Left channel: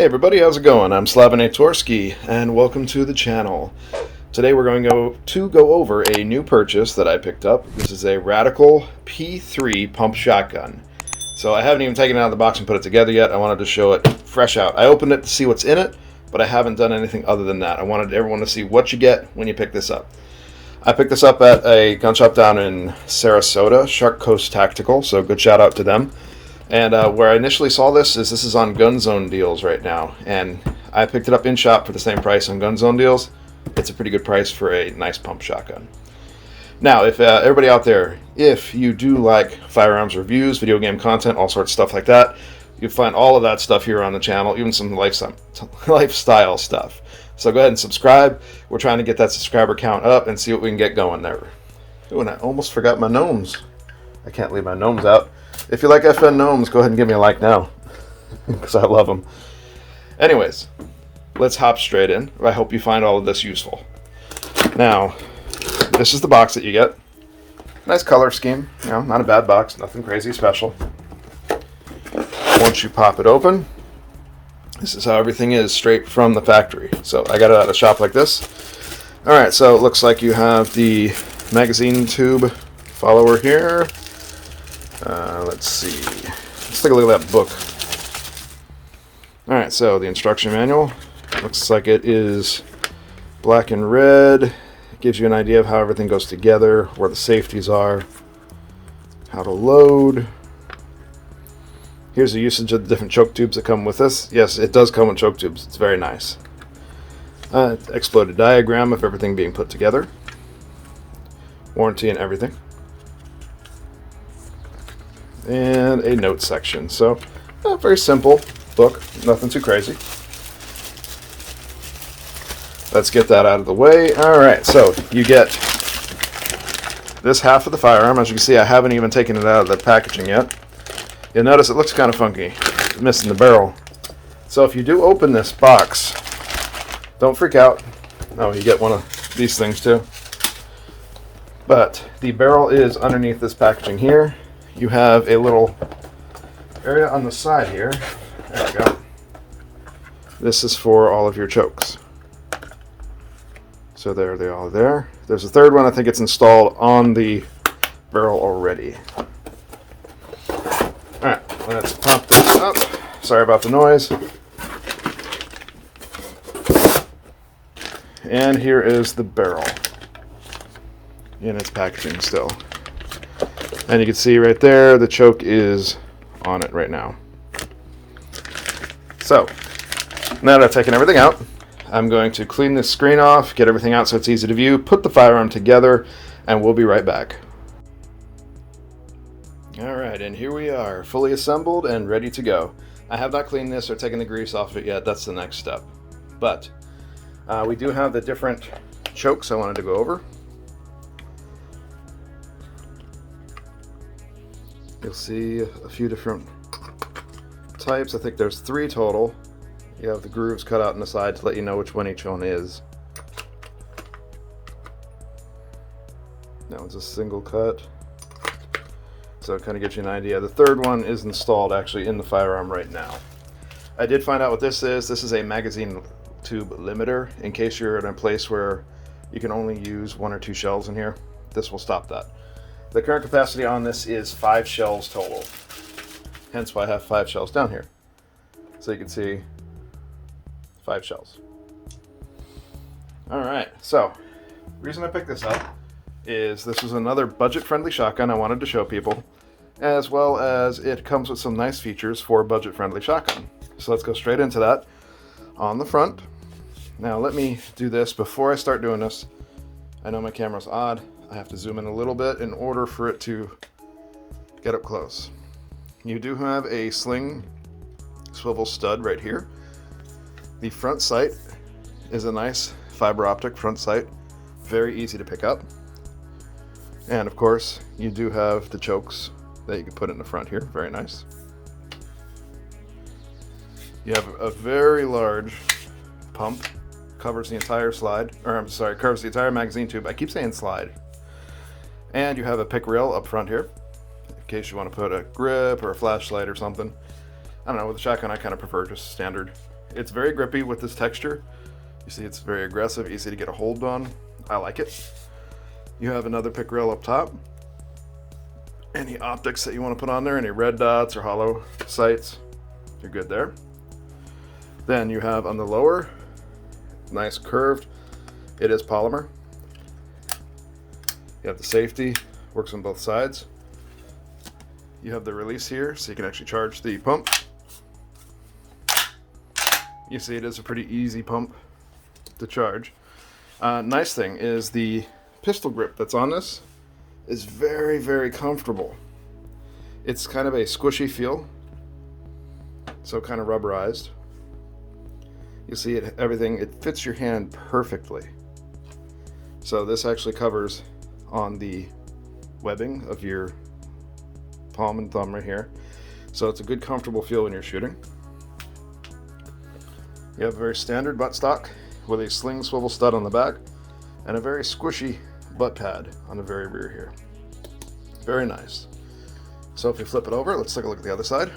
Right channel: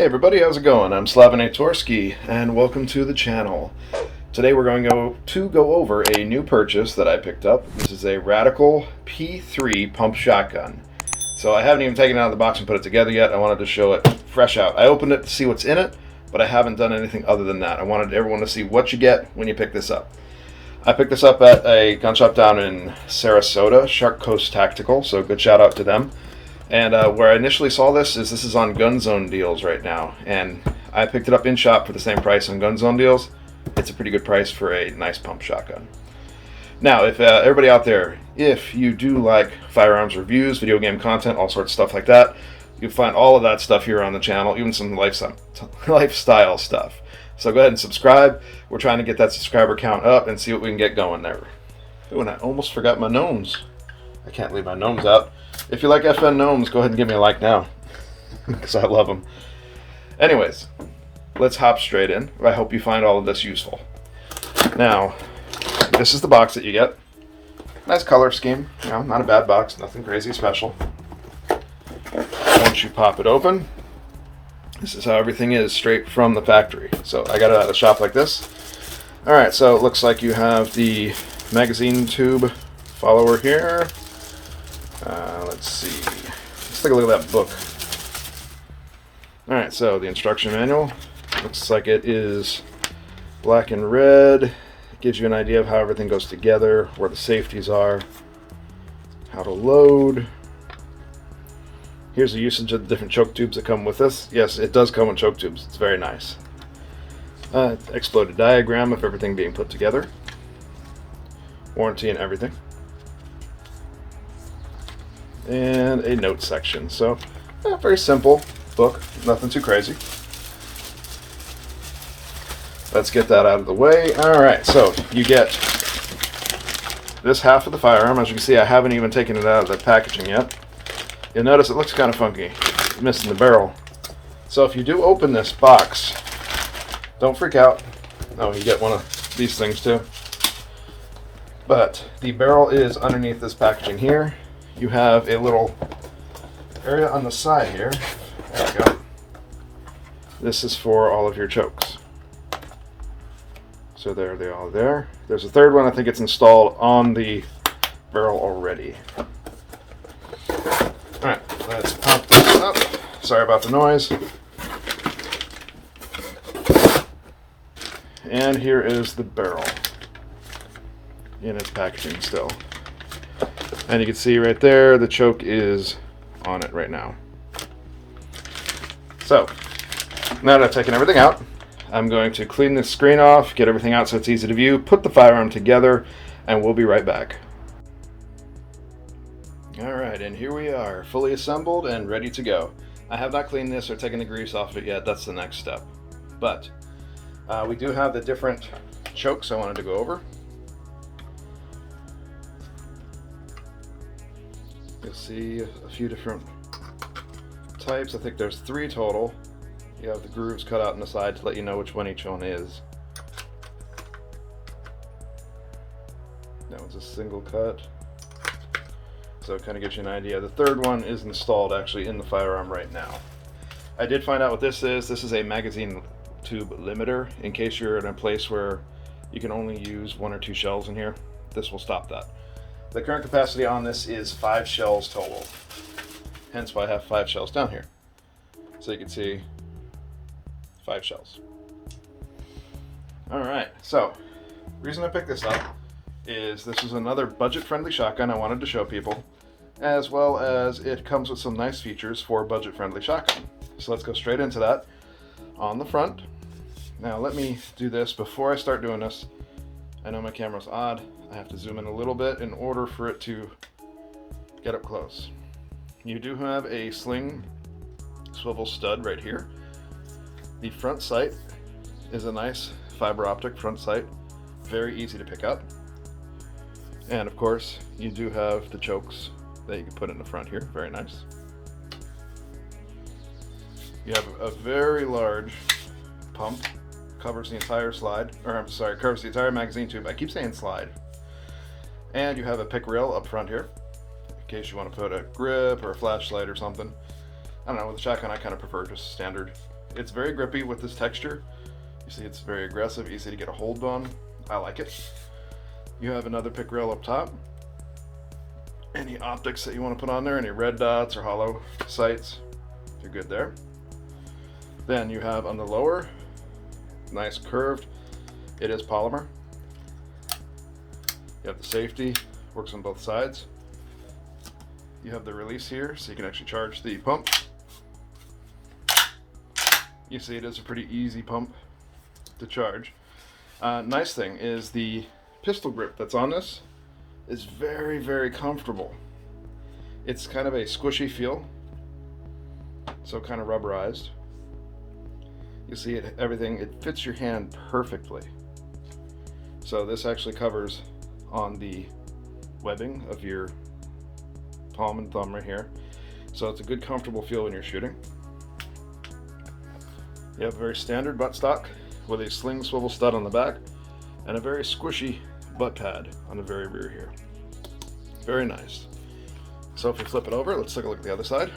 Hey everybody, how's it going? I'm Slav-in-a-tor-ski and welcome to the channel. Today we're going to go over a new purchase that I picked up. This is a Radikal P3 pump shotgun. So I haven't even taken it out of the box and put it together yet. I wanted to show it fresh out. I opened it to see what's in it, but I haven't done anything other than that. I wanted everyone to see what you get when you pick this up. I picked this up at a gun shop down in Sarasota, Shark Coast Tactical, so good shout out to them. And where I initially saw this is on Gun Zone deals right now, and I picked it up in shop for the same price on Gun Zone deals. It's a pretty good price for a nice pump shotgun. Now, if everybody out there, if you do like firearms reviews, video game content, all sorts of stuff like that, you can find all of that stuff here on the channel, even some lifestyle stuff. So go ahead and subscribe. We're trying to get that subscriber count up and see what we can get going there. Oh, and I almost forgot my gnomes. I can't leave my gnomes out. If you like FN gnomes, go ahead and give me a like now, because I love them. Anyways, let's hop straight in. I hope you find all of this useful. Now, this is the box that you get. Nice color scheme, you know, not a bad box, nothing crazy special. Once you pop it open, this is how everything is straight from the factory. So I got it at a shop like this. Alright, so it looks like you have the magazine tube follower here. Let's see. Let's take a look at that book. Alright, so the instruction manual. Looks like it is black and red. It gives you an idea of how everything goes together, where the safeties are, how to load. Here's the usage of the different choke tubes that come with this. Yes, it does come with choke tubes. It's very nice. Exploded diagram of everything being put together. Warranty and everything. And a note section. So, very simple book, nothing too crazy. Let's get that out of the way. Alright, so you get this half of the firearm. As you can see, I haven't even taken it out of the packaging yet. You'll notice it looks kind of funky. It's missing the barrel. So if you do open this box, don't freak out. Oh, you get one of these things too. But the barrel is underneath this packaging here. You have a little area on the side here. There we go. This is for all of your chokes. So there they are there. There's a third one. I think it's installed on the barrel already. Alright, let's pop this up. Sorry about the noise. And here is the barrel in its packaging still. And you can see right there, the choke is on it right now. So, now that I've taken everything out, I'm going to clean the screen off, get everything out so it's easy to view, put the firearm together, and we'll be right back. Alright, and here we are, fully assembled and ready to go. I have not cleaned this or taken the grease off it yet, that's the next step. But, we do have the different chokes I wanted to go over. You'll see a few different types. I think there's 3 total. You have the grooves cut out on the side to let you know which one each one is. That one's a single cut. So it kind of gives you an idea. The third one is installed actually in the firearm right now. I did find out what this is. This is a magazine tube limiter. In case you're in a place where you can only use 1 or 2 shells in here, this will stop that. The current capacity on this is 5 shells total. Hence why I have 5 shells down here. So you can see 5 shells. Alright, so the reason I picked this up is this is another budget-friendly shotgun I wanted to show people, as well as it comes with some nice features for a budget-friendly shotgun. So let's go straight into that. On the front, now let me do this before I start doing this. I know my camera's odd. I have to zoom in a little bit in order for it to get up close. You do have a sling swivel stud right here. The front sight is a nice fiber optic front sight, very easy to pick up. And of course, you do have the chokes that you can put in the front here, very nice. You have a very large pump, covers the entire slide, or I'm sorry, covers the entire magazine tube. I keep saying slide. And you have a pick rail up front here, in case you want to put a grip or a flashlight or something. I don't know, with the shotgun I kind of prefer just standard It's very grippy with this texture. You see it's very aggressive, easy to get a hold on. I like it. You have another pick rail up top. Any optics that you want to put on there, any red dots or hollow sights, you're good there. Then you have on the lower, nice curved, it is polymer. You have the safety, works on both sides. You have the release here, so you can actually charge the pump. You see it is a pretty easy pump to charge. Nice thing is the pistol grip that's on this is very, very comfortable. It's kind of a squishy feel, so kind of rubberized. You see it, everything, it fits your hand perfectly. So this actually covers on the webbing of your palm and thumb right here. So it's a good comfortable feel when you're shooting. You have a very standard buttstock with a sling swivel stud on the back and a very squishy butt pad on the very rear here. Very nice. So if we flip it over, let's take a look at the other side.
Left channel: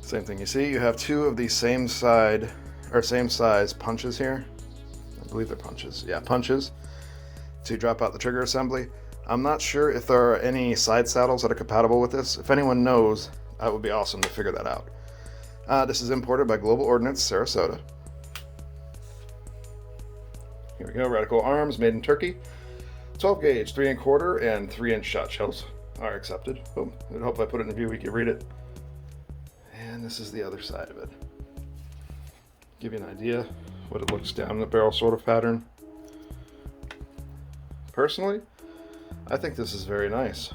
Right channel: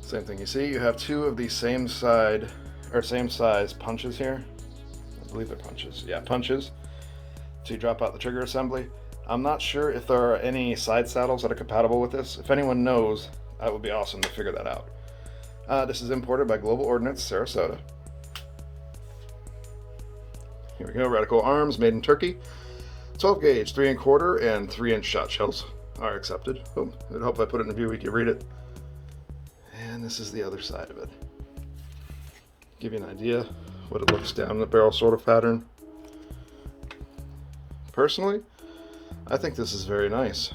Same thing. You see you have two of these same size punches here. I believe they're punches. Yeah, punches to drop out the trigger assembly. I'm not sure if there are any side saddles that are compatible with this. If anyone knows, that would be awesome to figure that out. This is imported by Global Ordnance, Sarasota. Here we go, Radikal arms, made in Turkey. 12 gauge, 3 1/4 and 3-inch shot shells are accepted. Oh, I hope I put it in a view we can read it. And this is the other side of it. Give you an idea what it looks down the barrel sort of pattern. Personally, I think this is very nice.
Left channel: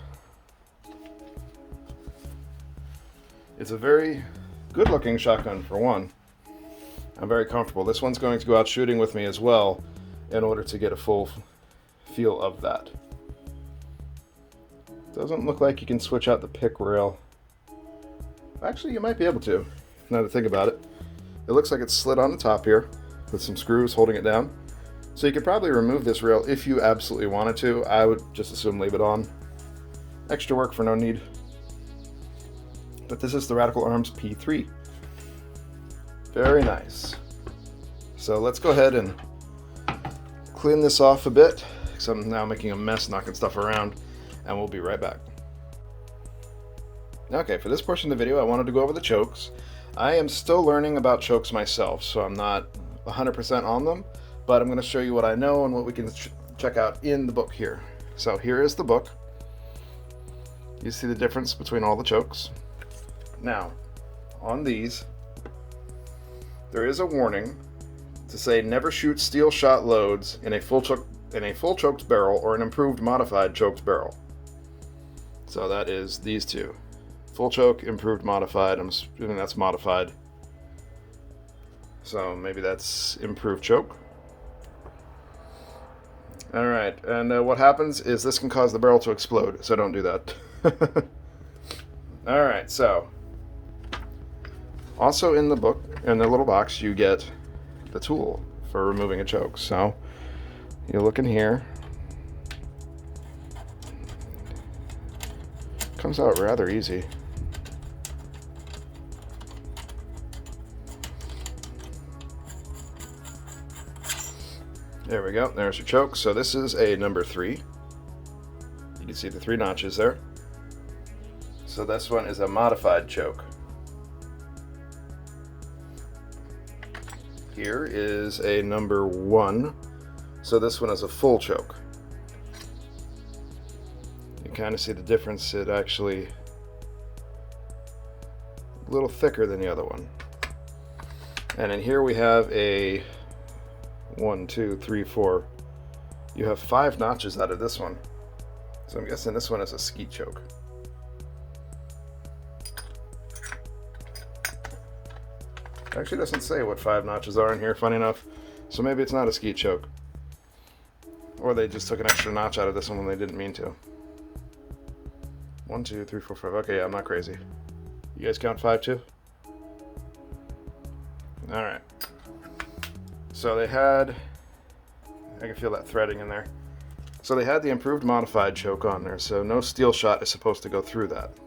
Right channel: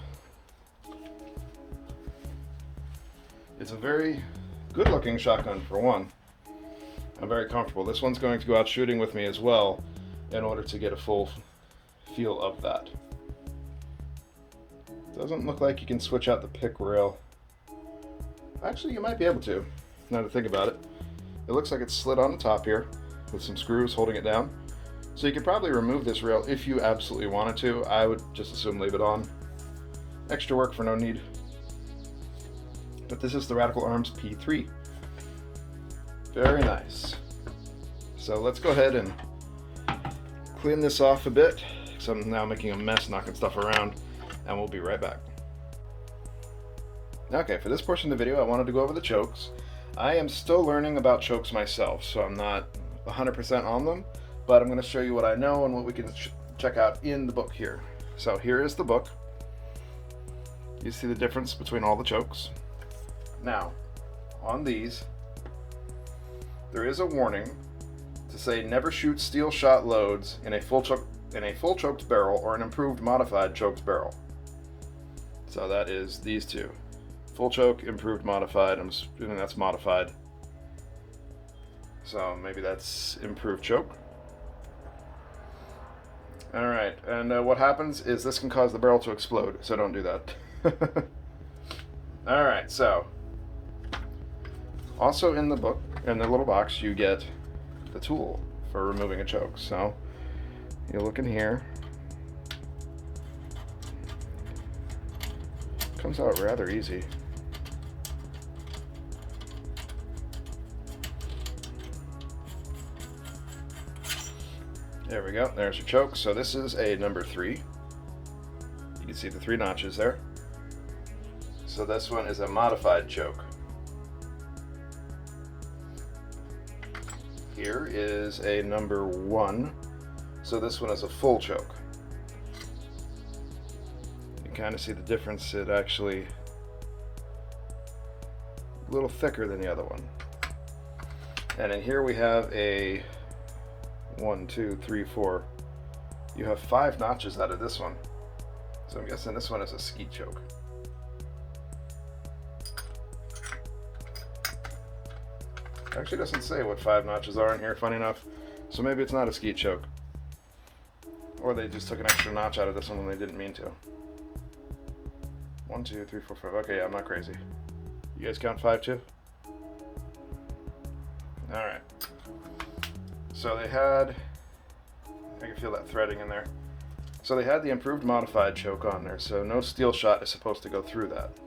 It's a very good looking shotgun for one. I'm very comfortable. This one's going to go out shooting with me as well in order to get a full feel of that. Doesn't look like you can switch out the pick rail. Actually, you might be able to, now to think about it. It looks like it's slid on the top here with some screws holding it down. So you could probably remove this rail if you absolutely wanted to. I would just assume leave it on. Extra work for no need. But this is the Radikal Arms P3. Very nice. So let's go ahead and clean this off a bit, because I'm now making a mess knocking stuff around, and we'll be right back. Okay, for this portion of the video I wanted to go over the chokes. I am still learning about chokes myself, so I'm not 100% on them, but I'm going to show you what I know and what we can check out in the book here. So here is the book. You see the difference between all the chokes. Now, on these, there is a warning to say never shoot steel shot loads in a full choked barrel or an improved modified choked barrel. So that is these two. Full choke, improved, modified. I'm assuming that's modified. So maybe that's improved choke. Alright, and what happens is this can cause the barrel to explode, so don't do that. Alright, so also in the book, in the little box, you get the tool for removing a choke. So you look in here. Comes out rather easy. There we go, there's your choke. So this is a number 3. You can see the 3 notches there. So this one is a modified choke. Here is a number 1. So this one is a full choke. You kind of see the difference. It actually a little thicker than the other one. And in here we have a 1, 2, 3, 4. You have 5 notches out of this one. So I'm guessing this one is a skeet choke. Actually doesn't say what 5 notches are in here, funny enough. So maybe it's not a skeet choke. Or they just took an extra notch out of this one when they didn't mean to. 1, 2, 3, 4, 5. Okay, yeah, I'm not crazy. You guys count 5 too? Alright. So they had, I can feel that threading in there. So they had the improved modified choke on there, so no steel shot is supposed to go through that.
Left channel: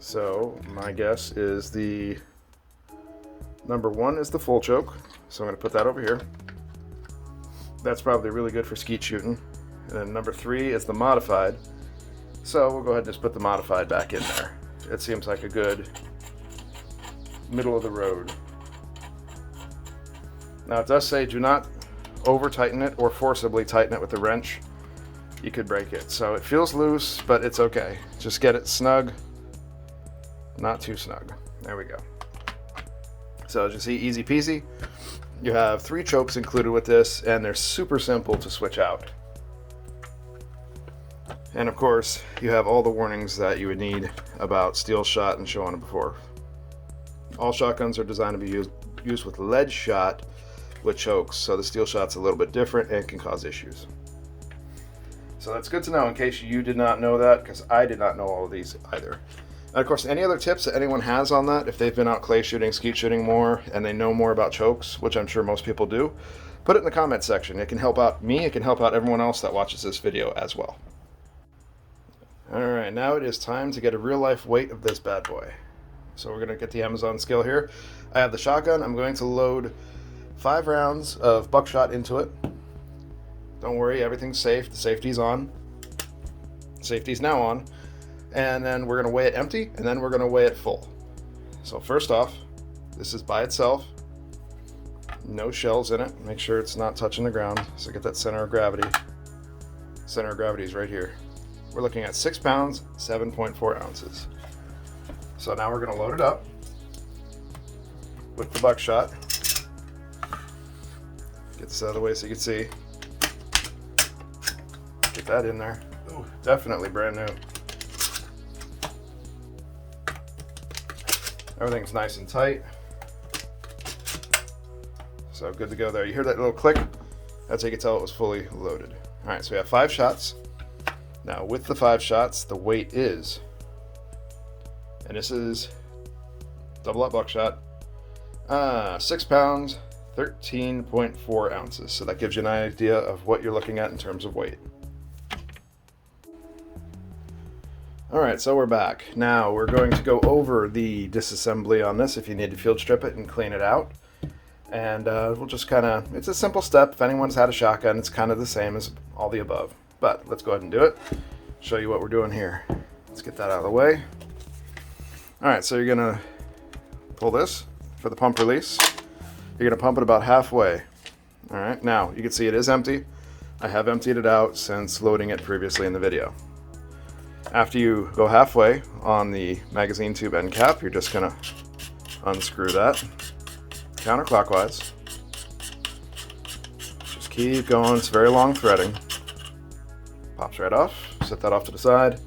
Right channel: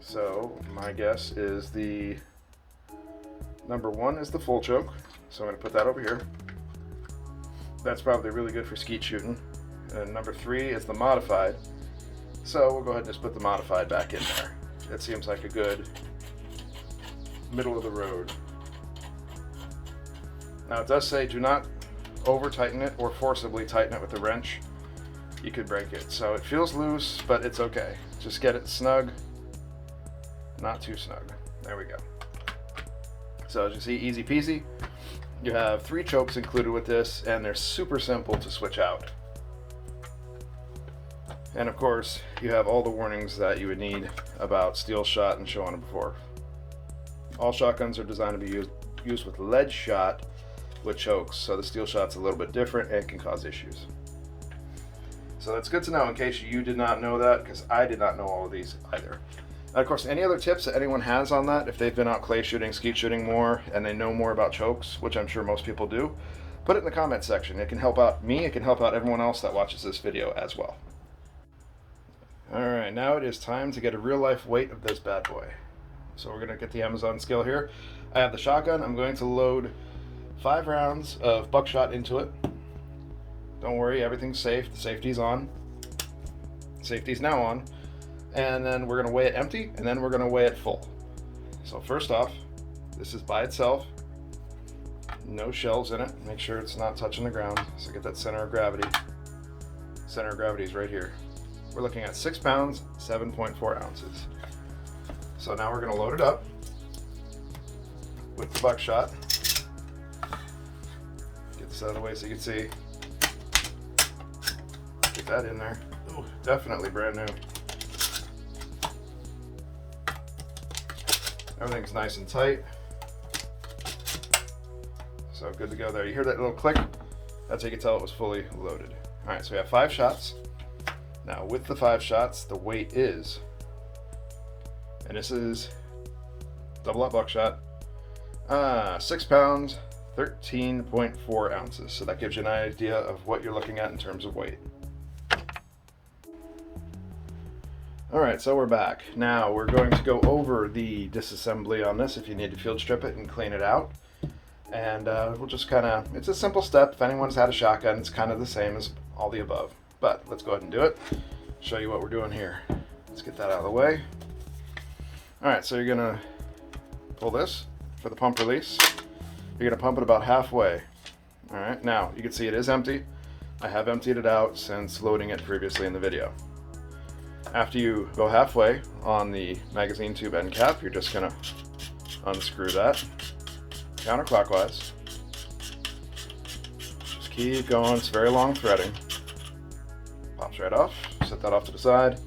So my guess is the number 1 is the full choke. So I'm going to put that over here. That's probably really good for skeet shooting. And number 3 is the modified. So we'll go ahead and just put the modified back in there. It seems like a good middle of the road. Now it does say do not over tighten it or forcibly tighten it with a wrench. You could break it. So it feels loose, but it's okay. Just get it snug, not too snug. There we go. So as you see, easy peasy. You have 3 chokes included with this, and they're super simple to switch out. And of course, you have all the warnings that you would need about steel shot and so on and before. All shotguns are designed to be used with lead shot with chokes, so the steel shot's a little bit different and can cause issues. So that's good to know in case you did not know that, because I did not know all of these either. And of course, any other tips that anyone has on that, if they've been out clay shooting, skeet shooting more, and they know more about chokes, which I'm sure most people do, put it in the comment section. It can help out me, it can help out everyone else that watches this video as well. Alright, now it is time to get a real life weight of this bad boy. So we're going to get the Amazon scale here. I have the shotgun. I'm going to load 5 rounds of buckshot into it. Don't worry, everything's safe. The safety's on. Safety's now on. And then we're going to weigh it empty, and then we're going to weigh it full. So first off, this is by itself. No shells in it. Make sure it's not touching the ground. So get that center of gravity. Center of gravity is right here. We're looking at 6 pounds, 7.4 ounces. So now we're going to load it up with the buckshot. Get this out of the way so you can see. Get that in there. Ooh, definitely brand new. Everything's nice and tight. So good to go there. You hear that little click? That's how you can tell it was fully loaded. All right, so we have 5 shots. Now with the 5 shots, the weight is, and this is double up buckshot, 6 pounds, 13.4 ounces. So that gives you an idea of what you're looking at in terms of weight. All right, so we're back. Now we're going to go over the disassembly on this if you need to field strip it and clean it out. And we'll just kind of, it's a simple step. If anyone's had a shotgun, it's kind of the same as all the above. But let's go ahead and do it. Show you what we're doing here. Let's get that out of the way. All right, so you're gonna pull this for the pump release. You're gonna pump it about halfway. All right, now you can see it is empty. I have emptied it out since loading it previously in the video. After you go halfway on the magazine tube end cap, you're just gonna unscrew that counterclockwise. Just keep going, it's very long threading. Pops right off, set that off to the side.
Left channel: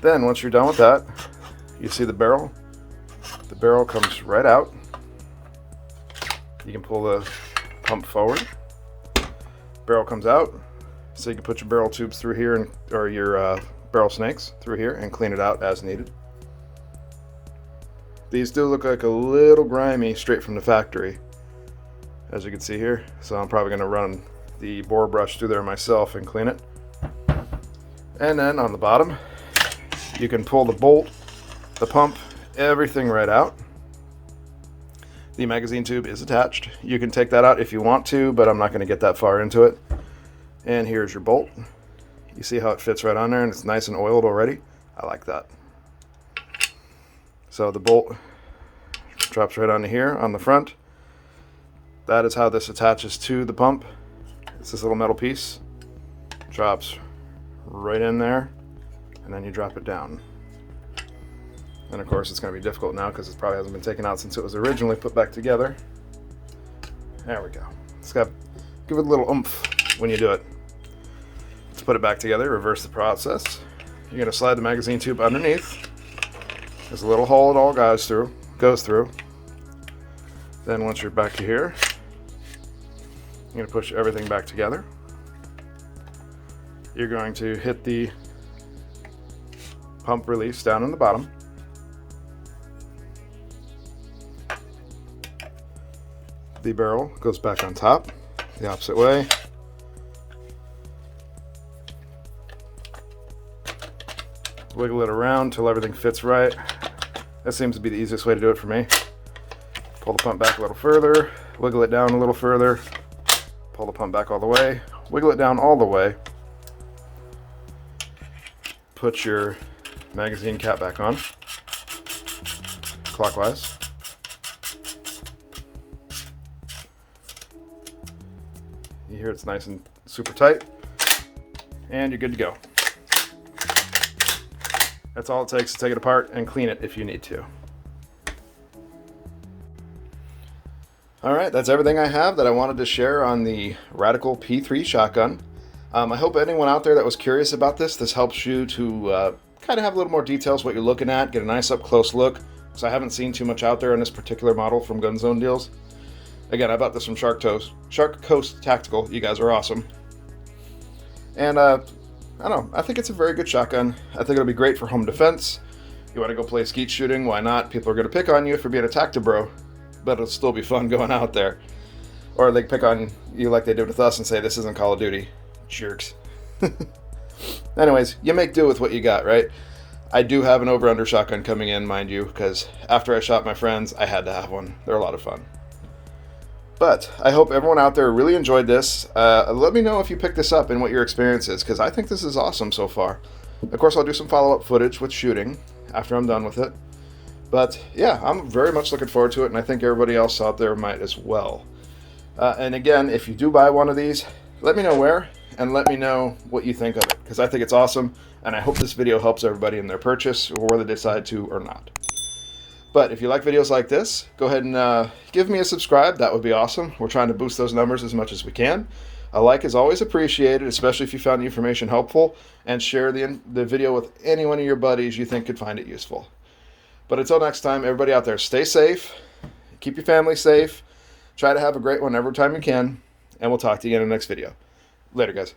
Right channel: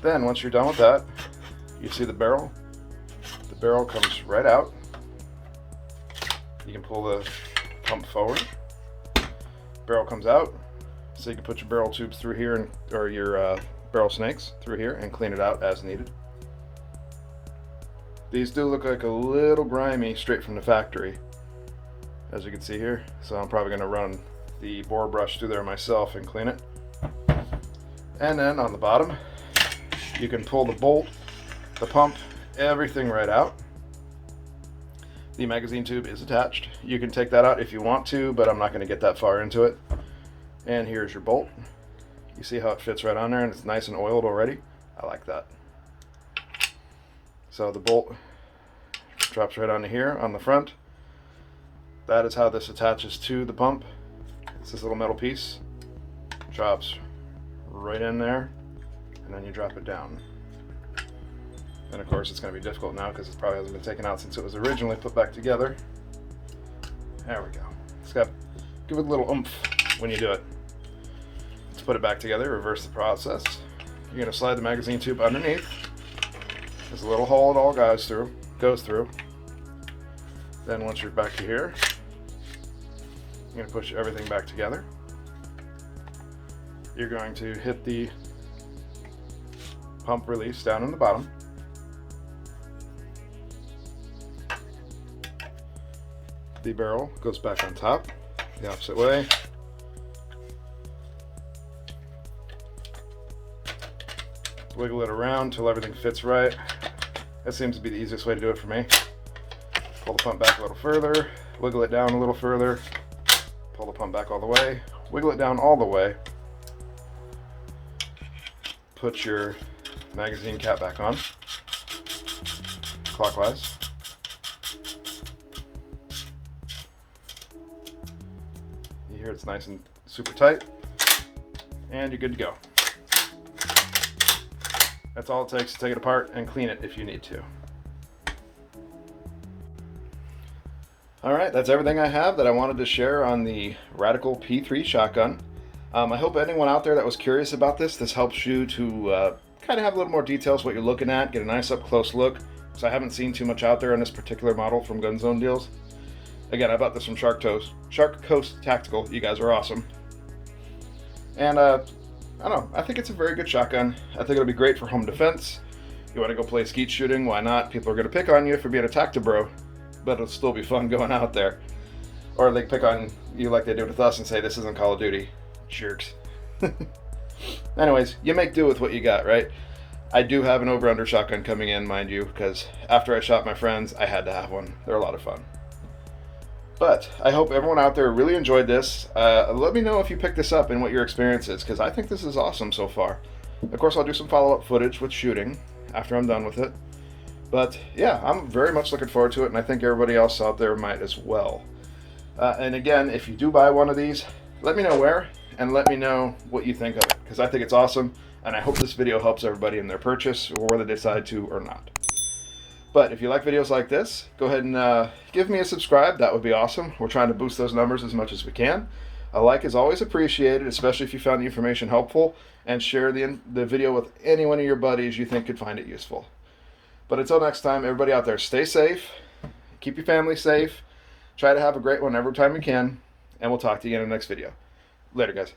Then once you're done with that, you see the barrel. The barrel comes right out. You can pull the pump forward. Barrel comes out, so you can put your barrel tubes through here, and, or your barrel snakes through here and clean it out as needed. These do look like a little grimy straight from the factory, as you can see here. So I'm probably going to run the bore brush through there myself and clean it. And then on the bottom, you can pull the bolt, the pump, everything right out. The magazine tube is attached. You can take that out if you want to, but I'm not going to get that far into it. And here's your bolt. You see how it fits right on there, and it's nice and oiled already. I like that. So the bolt drops right onto here on the front. That is how this attaches to the pump. It's this little metal piece. Drops right in there, and then you drop it down. And of course it's going to be difficult now because it probably hasn't been taken out since it was originally put back together. There we go. It's got, give it a little oomph when you do it. Let's put it back together, reverse the process. You're going to slide the magazine tube underneath. There's a little hole it all goes through. Then once you're back to here, you're going to push everything back together. You're going to hit the pump release down in the bottom. The barrel goes back on top, the opposite way. Wiggle it around till everything fits right. That seems to be the easiest way to do it for me. Pull the pump back a little further, wiggle it down a little further, pull the pump back all the way, wiggle it down all the way, put your magazine cap back on, clockwise. You hear it's nice and super tight, and you're good to go. That's all it takes to take it apart and clean it if you need to. Alright, that's everything I have that I wanted to share on the Radikal P3 shotgun. I hope anyone out there that was curious about this helps you to kind of have a little more details what you're looking at, get a nice up close look, because I haven't seen too much out there on this particular model from Gun Zone Deals. Again, I bought this from Shark Coast Tactical. You guys are awesome. And I don't know, I think it's a very good shotgun. I think it'll be great for home defense. You want to go play skeet shooting, why not? People are going to pick on you for being a tactibro, but it'll still be fun going out there. Or they pick on you like they did with us and say this isn't Call of Duty. Jerks. Anyways, you make do with what you got, right? I do have an over-under shotgun coming in, mind you, because after I shot my friends, I had to have one. They're a lot of fun. But I hope everyone out there really enjoyed this. Let me know if you picked this up and what your experience is, because I think this is awesome so far. Of course, I'll do some follow-up footage with shooting after I'm done with it. But yeah, I'm very much looking forward to it, and I think everybody else out there might as well. And again, if you do buy one of these, let me know where, and let me know what you think of it, because I think it's awesome, and I hope this video helps everybody in their purchase, or whether they decide to or not. But if you like videos like this, go ahead and give me a subscribe. That would be awesome. We're trying to boost those numbers as much as we can. A like is always appreciated, especially if you found the information helpful, and share the video with any one of your buddies you think could find it useful. But until next time, everybody out there, stay safe, keep your family safe, try to have a great one every time you can, and we'll talk to you again in the next video. Later, guys.